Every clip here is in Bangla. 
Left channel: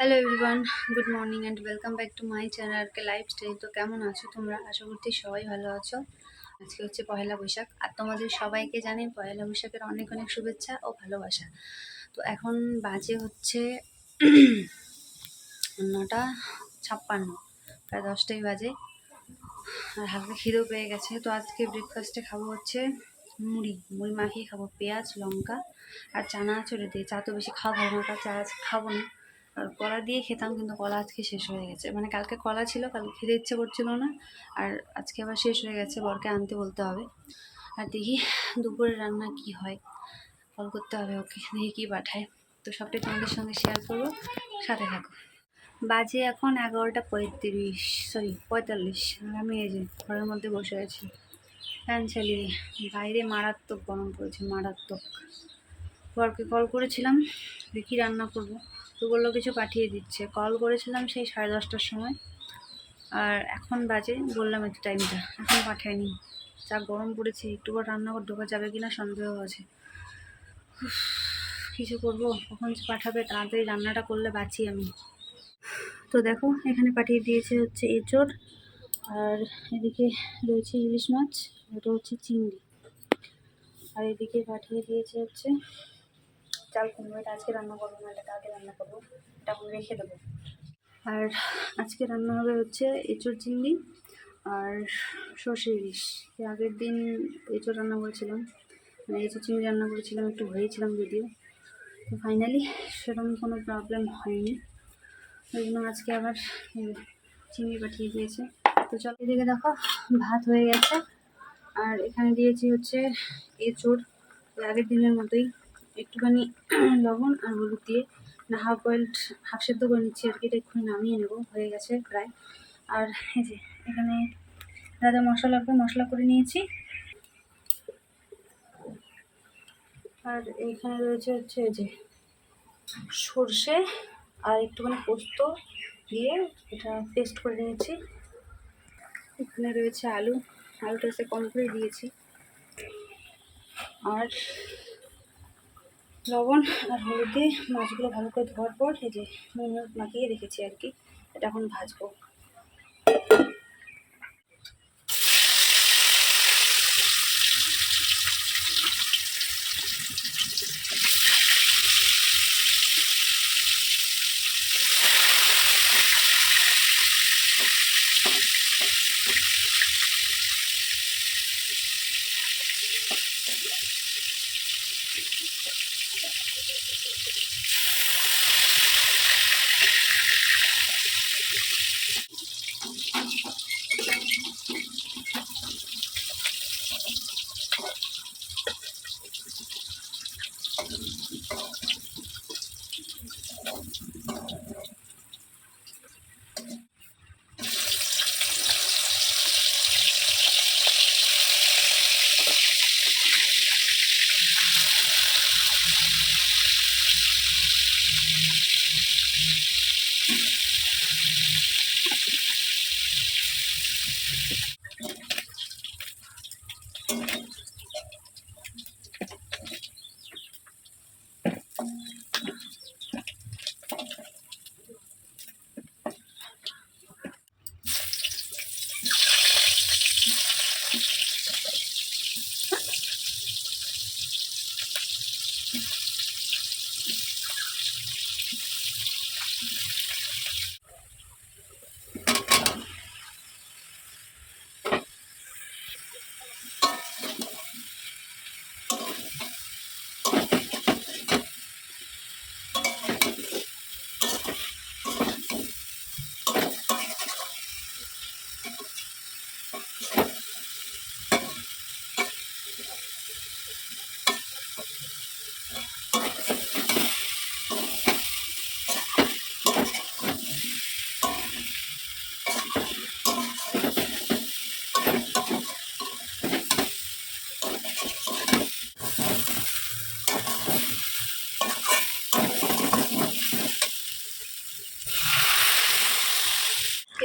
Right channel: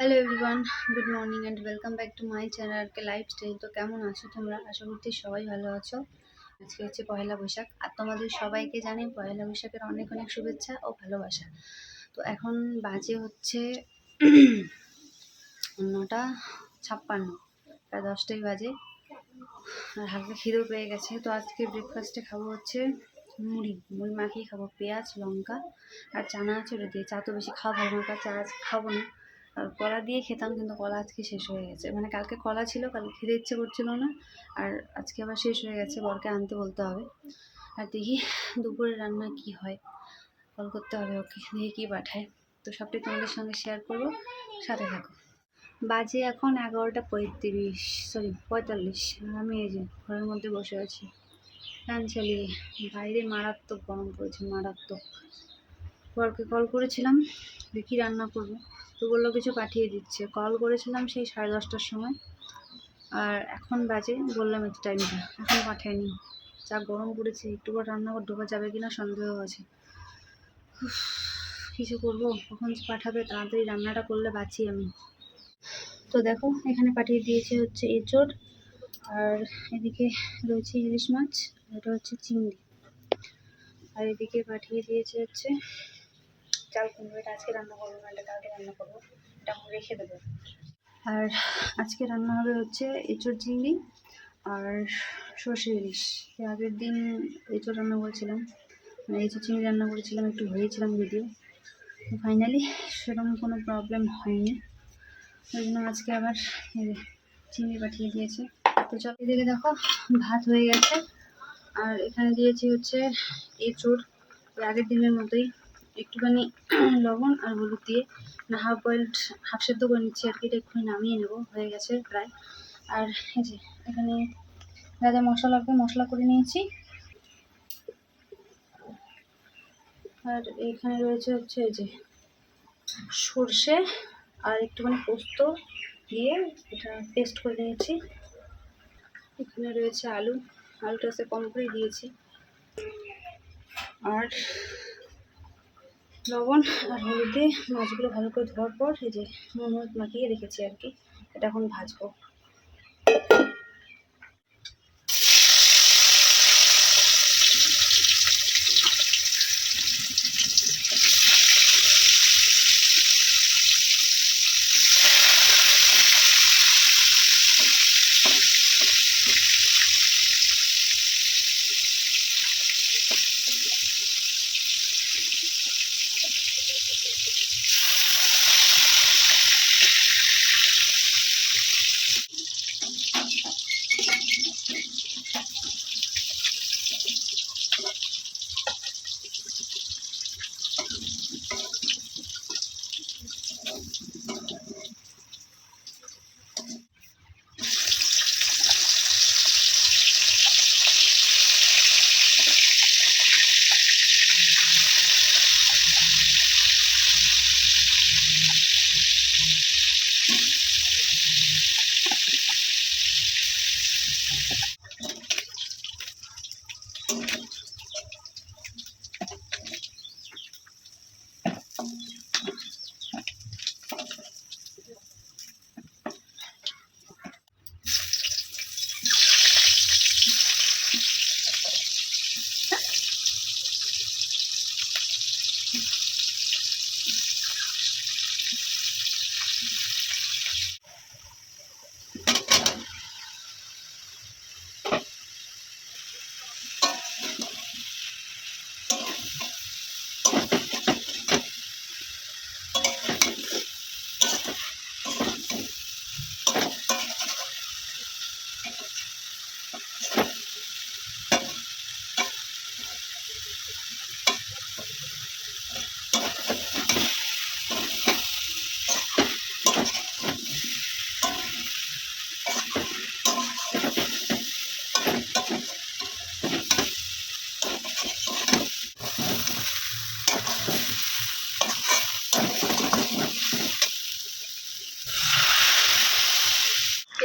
Hello everyone, good morning and welcome back to my channel K lifestyle. তো কেমন আছো তোমরা? আশা করছি সবাই ভালো আছো। আজকে হচ্ছে পয়লা বৈশাখ, আর তোমাদের সবাইকে জানি পয়লা বৈশাখের অনেক অনেক শুভেচ্ছা ও ভালোবাসা। তো এখন বাজে হচ্ছে 9:56, প্রায় 10টাই বাজে। আর হালকা খিদেও পেয়ে গেছে। তো আজকে ব্রেকফাস্টে খাবো হচ্ছে মুড়ি মুড়ি মাখিয়ে খাবো, পেঁয়াজ লঙ্কা আর চানা চড়ে দিয়ে। চা তো বেশি খাওয়া ভালো না, তার চা আজ খাবো না। আর কলা দিয়ে খেতাম, কিন্তু কলা আজকে শেষ হয়ে গেছে। মানে কালকে কলা ছিল, কালকে খেতে ইচ্ছে করছিল না, আর আজকে আবার শেষ হয়ে গেছে। বরকে আনতে বলতে হবে। আর দেখি দুপুরে রান্না কি হয়, কল করতে হবে ওকে, দেখি কী পাঠায়। তো সবটাই তোমাদের সঙ্গে শেয়ার করবো, সাথে থাকো। বাজে এখন 11:35, সরি 45। আর আমি এই যে ঘরের মধ্যে বসে আছি ফ্যান চালিয়ে। বাইরে মারাত্মক গরম পড়েছে, মারাত্মক। বরকে কল করেছিলাম দেখি রান্না করব, তো বললো কিছু পাঠিয়ে দিচ্ছে। কল করেছিলাম সেই 10:30টার সময়, আর এখন বাজে বললাম একটু টাইমটা, এখন পাঠায়নি। যা গরম পড়েছে, একটু পর রান্না করে ঢোকা যাবে কিনা সন্দেহ আছে। কিছু করব, কখন পাঠাবে, তাড়াতাড়ি রান্নাটা করলে বাঁচি আমি। তো দেখো এখানে পাঠিয়ে দিয়েছে হচ্ছে এঁচোড়, আর এদিকে রয়েছে ইলিশ মাছ, এটা হচ্ছে চিংড়ি। আর এদিকে পাঠিয়ে দিয়েছে হচ্ছে চাল কুমড়ো। এটা আজকে রান্না করবো না, এটা কালকে রান্না করবো, এটা এখন রেখে দেবো। আর আজকে রান্না হবে হচ্ছে এঁচোড় চিংড়ি আর সর্ষে ইলিশ। এর আগের দিন এঁচোড় রান্না করেছিলাম, মানে এঁচোড় চিংড়ি রান্না করেছিলাম, একটু হয়েছিলাম যদিও। তো ফাইনালি সেরকম কোনো প্রবলেম হয়নি, ওই জন্য আজকে আবার চিংড়ি পাঠিয়ে দিয়েছে। তো চল, এদিকে দেখো ভাত হয়ে গেছে, আর এখানে দিয়েছি হচ্ছে এঁচোড় আগের দিনের মতোই, একটুখানি লবণ আর হলুদ দিয়ে না হাফ সেদ্ধ করে নিচ্ছি আর কি। এটা এক্ষুনি নামিয়ে নেব, হয়ে গেছে প্রায়। আর এই যে এখানে যা যা মশলা লাগবে মশলা করে নিয়েছি। আর এইখানে রয়েছে হচ্ছে এই যে সর্ষে আর একটুখানি পোস্ত দিয়ে এটা পেস্ট করে নিয়েছি। এখানে রয়েছে আলুটা সে কম করে দিয়েছি। আর লবণ আর হলুদ দিয়ে মাছগুলো ভালো করে ধোয়ার পর এই যে নুন মাখিয়ে রেখেছি আর কি। এটা এখন ভাজবো।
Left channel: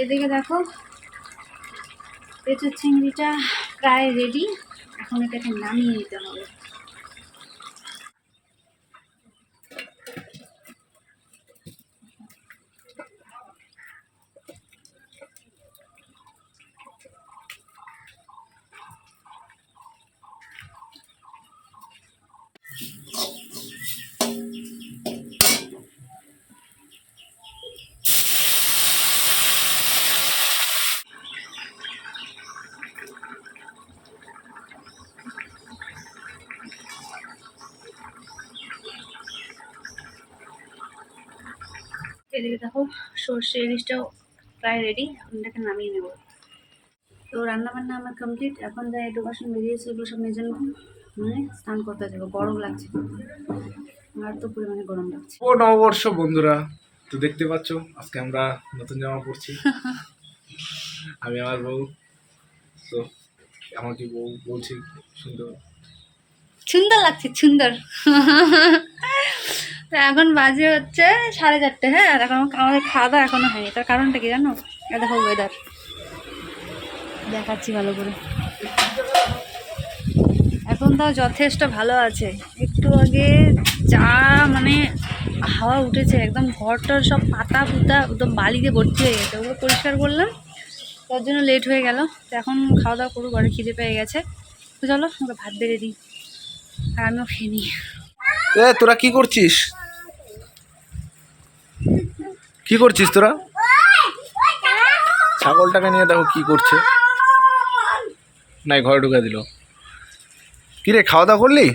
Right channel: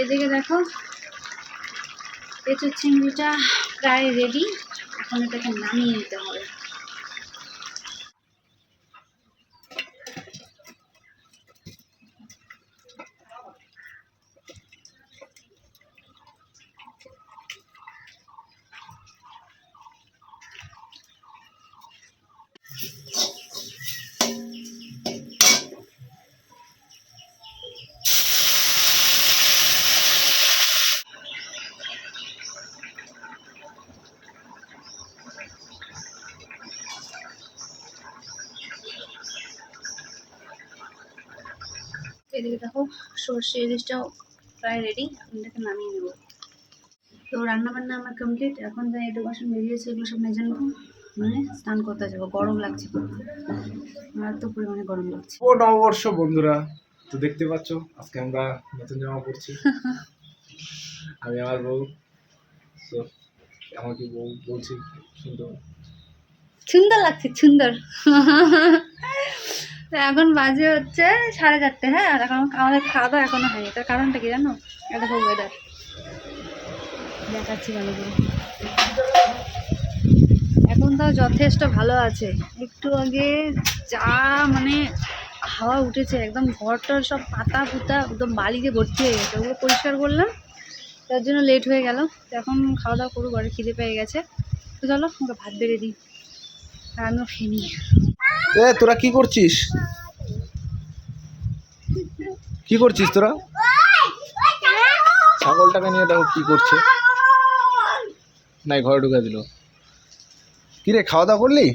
এদিকে দেখো এঁচোড় চিংড়িটা প্রায় রেডি, এখন এটাকে নামিয়ে নিতে হবে। এদিকে দেখো সর্ষে ইলিশটাও প্রায় রেডি, এখন এটাকে নামিয়ে নেব। তো রান্নাবান্না আমার কমপ্লিট, এখন যা একটু বাসন বেরিয়েছে এগুলো সব মেজে নেবো, মানে স্নান করতে যাবো। গরম লাগছে আর তো পরিমাণে গরম লাগছে। ও নববর্ষ বন্ধুরা, তো দেখতে পাচ্ছ আজকে আমরা নতুন জামা পরছি। আমি আমার বউ, তো আমাকে বউ বলছি সুন্দর সুন্দর লাগছে, সুন্দর। তো এখন বাজে হচ্ছে 4:30, হ্যাঁ, আর এখন আমাদের খাওয়া দাওয়া এখনো হয়নি। তার কারণটা কি জানো? এটা দেখো ওয়েদার, দেখাচ্ছি ভালো করে। এখন তাও যথেষ্ট ভালো আছে। একটু আগে যা মানে হাওয়া উঠেছে, একদম ঘরটার সব পাতা পুতা একদম বালিতে ভর্তি হয়ে গেছে, ওগুলো পরিষ্কার করলাম, তার জন্য লেট হয়ে গেল। তো এখন খাওয়া দাওয়া করবো, ঘরে খিদে পেয়ে গেছে। তো চলো ওকে ভাত বেড়ে দিই আর আমিও খেয়ে নিই। তোরা কি করছিস? কি করছিস তোরা? ছাগলটাকে নিয়ে দেখো কি করছে। নাই, ঘরে ঢুকে দিল। কি রে, খাওয়া দাওয়া করলি?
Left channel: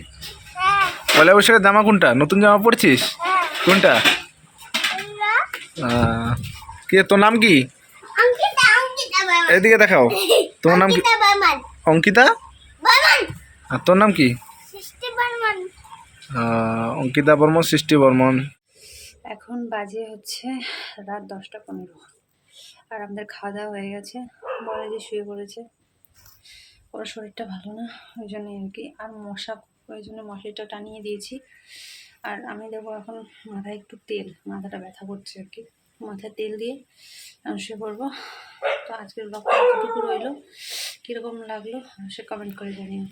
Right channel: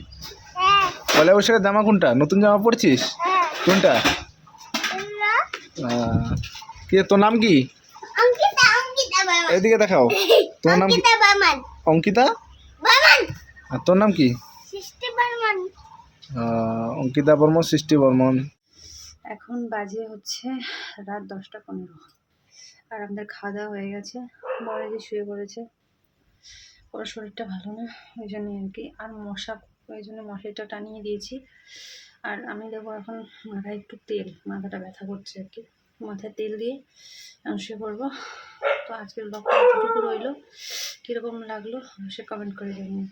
পয়লা বৈশাখের জামা কোনটা? নতুন জামা পরছিস? কোনটা? কি রে, তোর নাম কি? এদিকে দেখাও। তোমার নাম কি? অঙ্কিতা। আর তোর নাম কি? অঙ্কিতা বর্মন, সৃষ্টি বর্মন। এখন বাজে হচ্ছে রাত 10টা 15, আর আমাদের খাওয়া দাওয়া হয়ে গেছে। বড় যে শুয়ে পড়েছে, ওর শরীরটা ভালো না, ওই জন্যই আর কি। আর মশা, ওই জন্য মশারিটা টানিয়ে দিয়েছি। আর আমি দেবো এখন মাথায় একটু তেল, মাথাটা ব্যথা করছে আর কি, মাথায় তেল দিয়ে আমি শুয়ে পড়বো। তো আজকের ব্লগটা এতটুকু রইলো, কীরকম লাগলো সে কমেন্ট করে জানিয়ে।